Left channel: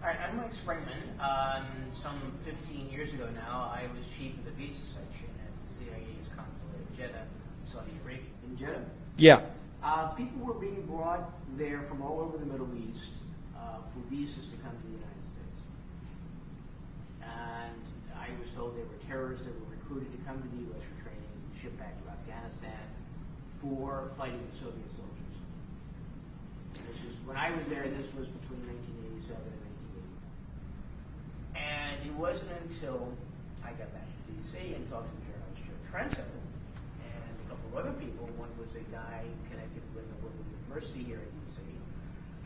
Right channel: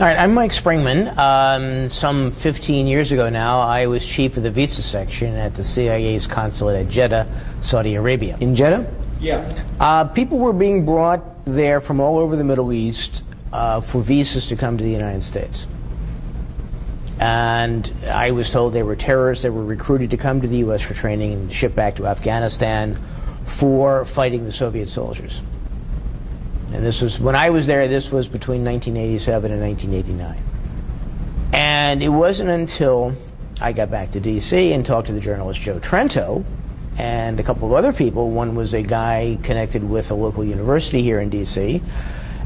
All right, I'm Mike Springmann. Some 15 years ago now, I was chief of the visa section at the CIA's consulate at Jeddah, Saudi Arabia. In Jeddah? Yeah. People were being brought there from all over the Middle East for visas to come to the United States. And I was told they were terrorists that were recruited to come to the U.S. for training and shipped back to Afghanistan for fighting the Soviet soldiers. And this was, when I was there, this was between 1987 and 1989. And it wasn't until I got back to D.C. and talked to the journalist Joe Trento and a couple of other people. One was a guy connected with a local university here in D.C.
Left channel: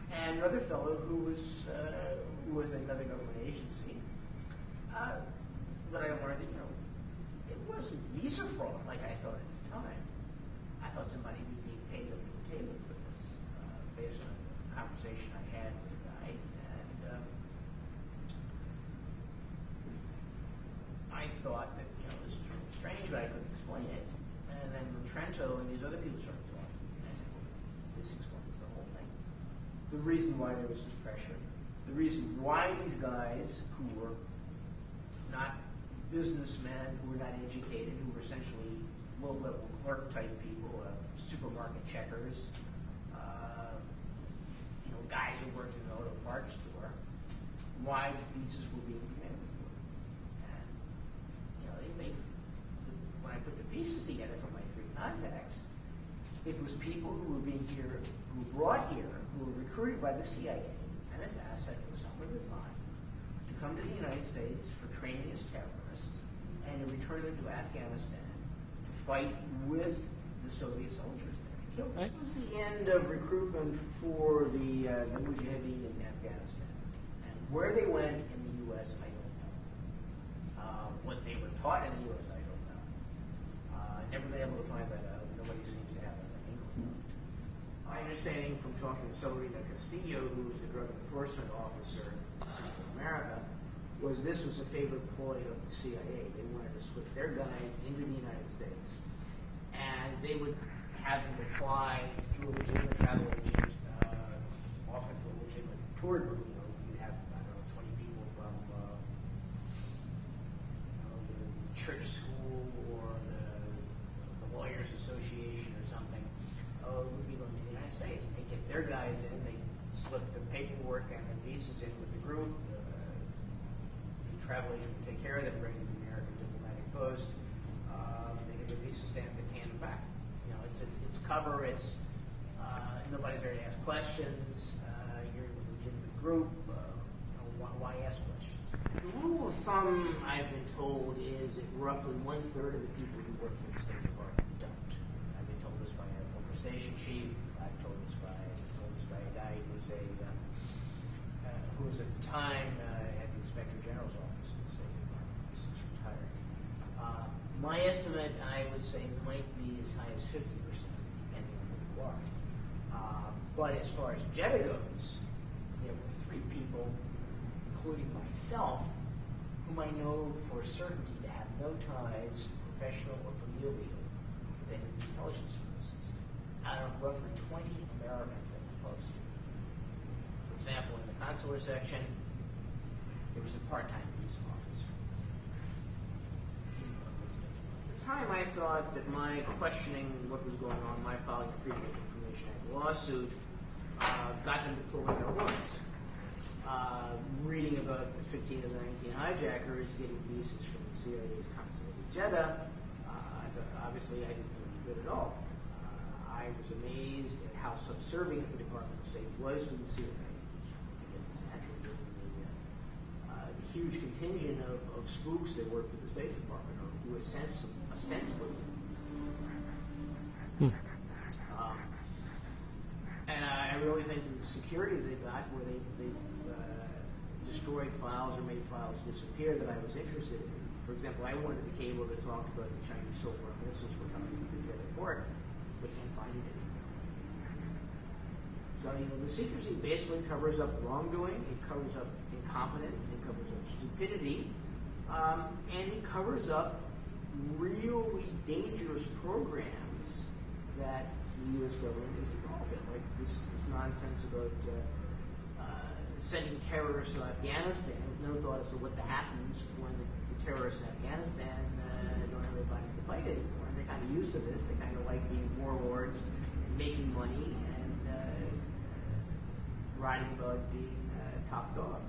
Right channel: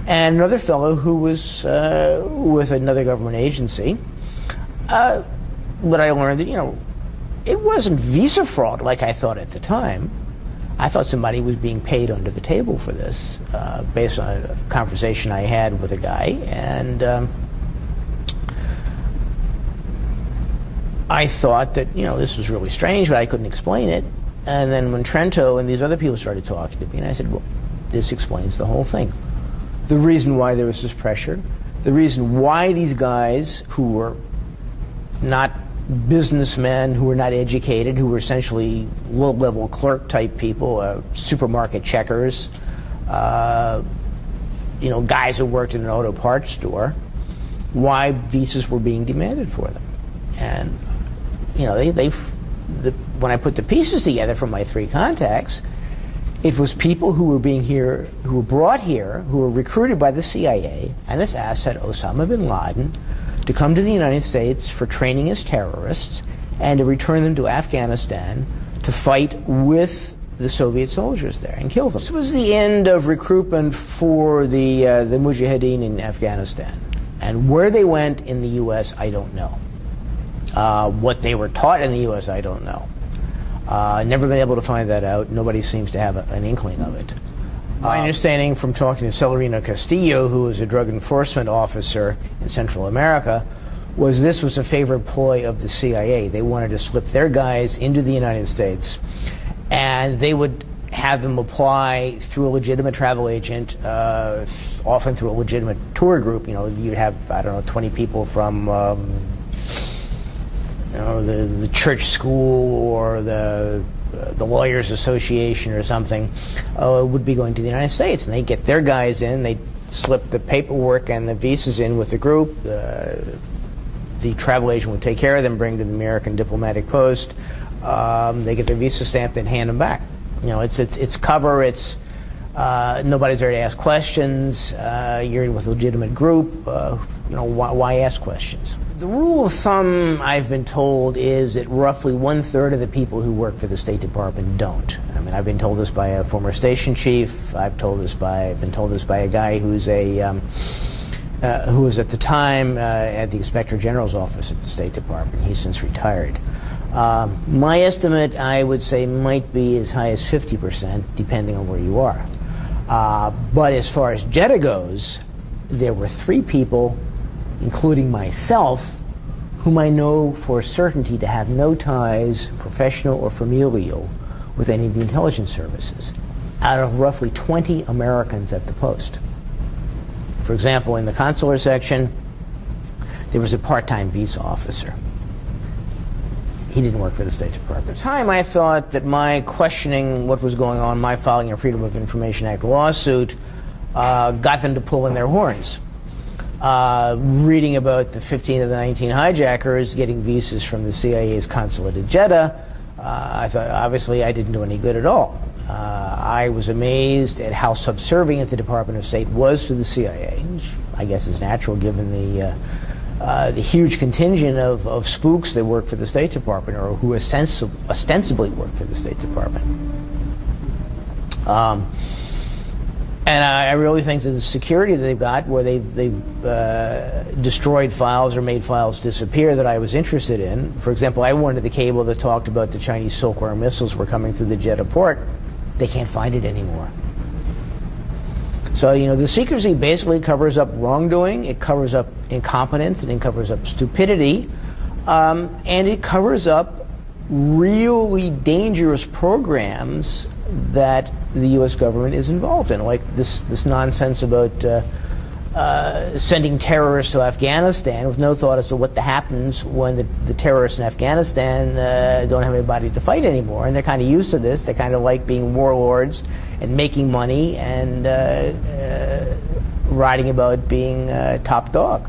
and another fellow who was with another government agency. But I learned that, you know, it wasn't visa fraud like I thought at the time. I thought somebody was being paid under the table for this, based on a conversation I had with a guy. And I thought that, you know, this was really strange, but I couldn't explain it. And then when Trento and these other people started talking to me, and I said, well, this explains the whole thing. The reason why there was this pressure, the reason why these guys who were not businessmen, who were not educated, who were essentially low-level clerk-type people, supermarket checkers, you know, guys who worked in an auto parts store, why visas were being demanded for them. And, you know, when I put the pieces together from my three contacts, it was people who were who were brought here, who were recruited by the CIA and its asset Osama bin Laden, to come to the United States for training as terrorists and to return them to Afghanistan to fight with the Soviet soldiers there and kill them. This was the end of recruitment for the Mujahideen in Afghanistan. And where they went in the U.S., I don't know. What they were taught in the U.S., I don't know. Never been able to find that out. Nobody seems to have an inkling of it. My understanding from talking to Celerino Castillo, who was a drug enforcement officer in Central America, was this was a favorite ploy of the CIA. They wanted to slip their guys into the United States, and they would have them apply through a legitimate travel agent, often through a legitimate tour group. You know, you'd have, I don't know, 20 people from you know, the church school or the Lawyers Association or something, would be going to the United States, and they get their guys in, they slip the paperwork and the visas in with the group, the travel agent would take care of them, bring to the American diplomatic post, they get their visa stamped and hand them back. You know, it's cover, it's nobody's there to ask questions, you're with a legitimate group, you know, why ask questions? The rule of thumb, I've been told, is that roughly 1/3 of the people who work for the State Department don't. I mean, I've been told this by a former station chief. I've been told this by a guy who's who was at the time at the Inspector General's office at the State Department. He's since retired. My estimate, I would say, might be as high as 50%, depending on where you are. But as far as Jeddah goes, there were 3 people, including myself, whom I know for certainty to have no ties, professional or familial, with any of the intelligence services, out of roughly 20 Americans at the post. For example, in the consular section, there was a part-time visa officer. He didn't work for the State Department. At the time, I thought that my questioning what was going on, my filing a Freedom of Information Act lawsuit, got them to pull in their horns. Reading about the 15 of the 19 hijackers getting visas from the CIA's consulate at Jeddah, I thought, obviously, I didn't do any good at all. I was amazed at how subservient the Department of State was to the CIA, which I guess is natural given the huge contingent of spooks that work for the State Department or who ostensibly work for the State Department. And I really think that the security that they've got, where they've destroyed files or made files disappear that I was interested in. For example, I wanted the cable that talked about the Chinese Silkworm missiles were coming through the Jeddah port. They can't find it anymore. So, you know, the secrecy basically covers up wrongdoing, it covers up incompetence, and it covers up stupidity, and it covers up really dangerous programs that the U.S. government is involved in, like this nonsense about sending terrorists to Afghanistan with no thought as to what happens when the terrorists in Afghanistan don't have anybody to fight anymore. And they're kind of used to this. They kind of like being warlords and making money and writing about being top dog.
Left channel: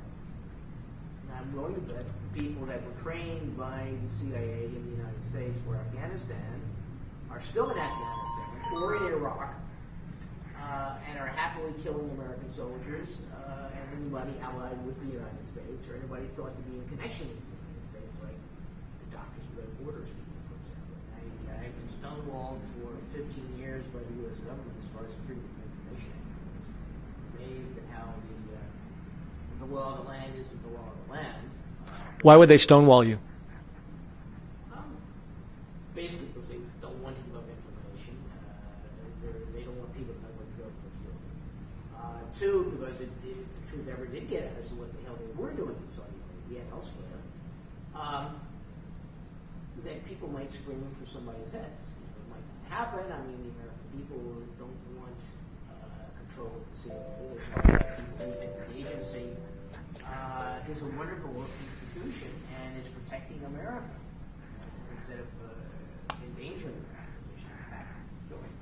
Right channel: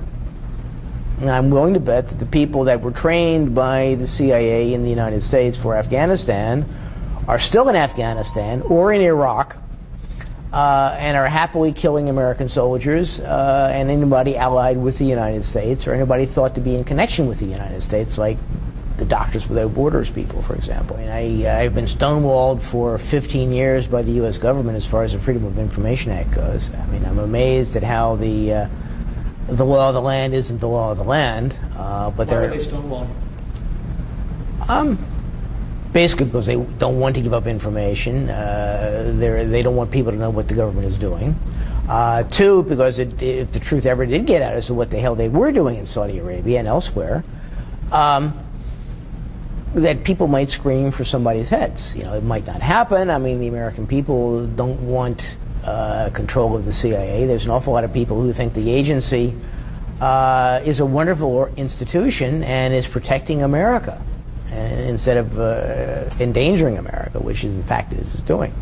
And I'm willing to bet that the people that were trained by the CIA in the United States for Afghanistan are still in Afghanistan or in Iraq and are happily killing American soldiers and anybody allied with the United States or anybody thought to be in connection with the United States, like the Doctors Without Borders people, for example. And I've been stonewalled for 15 years by the U.S. government as far as the Freedom of Information Act goes. I mean, I'm amazed at how the law of the land isn't the law of the land. But why would they stonewall you? Basically because they don't want to give up information. They don't want people to know what the government is doing. Two, because if the truth ever did get out as to what the hell they were doing in Saudi Arabia and elsewhere, that people might scream for somebody's heads. You know, it might not happen. I mean, the American people don't want control of the CIA. There's an awful lot of people who think the agency is a wonderful institution and is protecting America instead of endangering America, which in fact it is doing.